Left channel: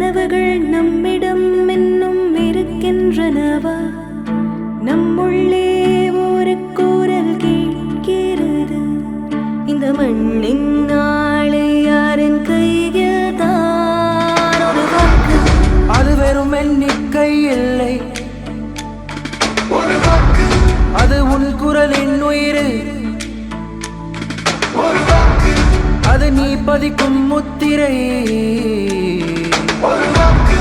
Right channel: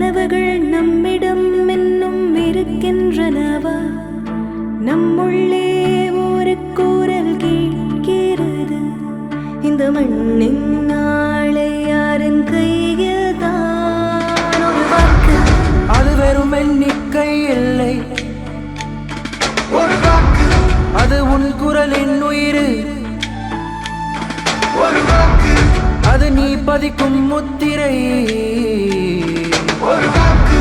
கனவுகள் நம்மிடம் இன்னும் இருக்கின்றனவா? நம்முள்ளே ஒரு குரல் கேட்கிறது, இந்த மண்ணின் நாளை யாரின் கையில்தான். ஒரு வாக்கு, அது வெறும் எண்ணிக்கை இல்லை, ஒரு வாக்கு, அது உன் குரலின் உயிர். ஒரு வாக்கு, அது நீ பதிக்கும் முத்திரை. ஒரு வாக்கு,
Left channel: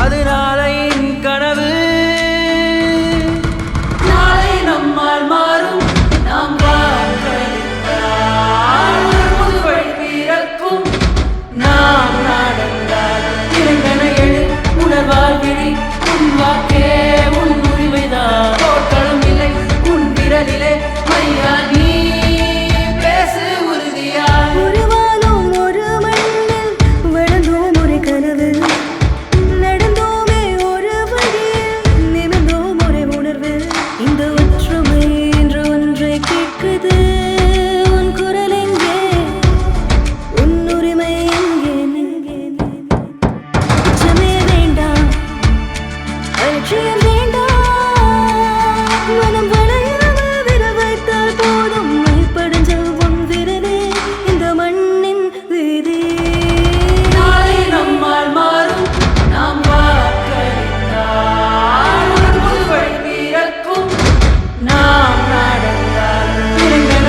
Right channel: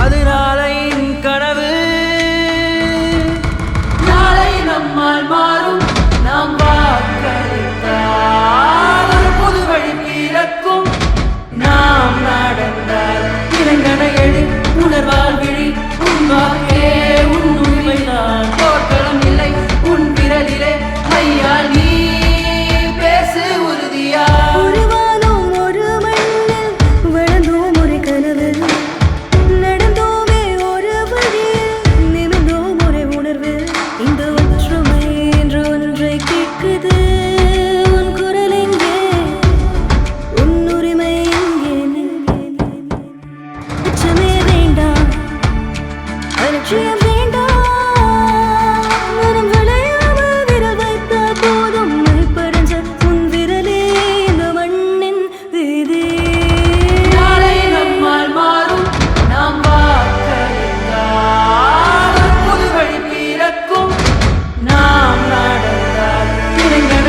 அது நாளையின் கனவு. நாளை நம்மால் மாறும், நாம் வாக்களித்தால் ஒரு புது வழி பிறக்கும். நாம் நடந்தால் இறைங்கன எழு, உணர்வால் விழி. உன் வாக்கே உன் உண்மைதான், போர்க்களம் இல்லை உன் விரலிலே. மையால் நீ பேசு உறுதியா. ஒரு வானம் ஒரு மண்ணில் வளர்ந்தோம் ஒரு கனவு, நடந்தோமே ஒரு வழியில், நிமிர்ந்தோம் ஒரு உணர்வு. இந்த ஒற்றுமை என்று ஒன்றை கேட்குது, உன் குரல் எங்கே, உன் உரிமை எங்கே? உச்சமே வேண்டாம், அலட்சியம் வேண்டாம், மனம் வளையாமல் விரல் வைத்தால் போதும். மணிப்படைஞ்சல் உன் விரலே, இந்த மண்ணின் வேரே. நாளை நம்மால் மாறும், நாம் வாக்களித்தால் ஒரு புது வழி பிறக்கும். நாம் நடந்தால் இறைங்கன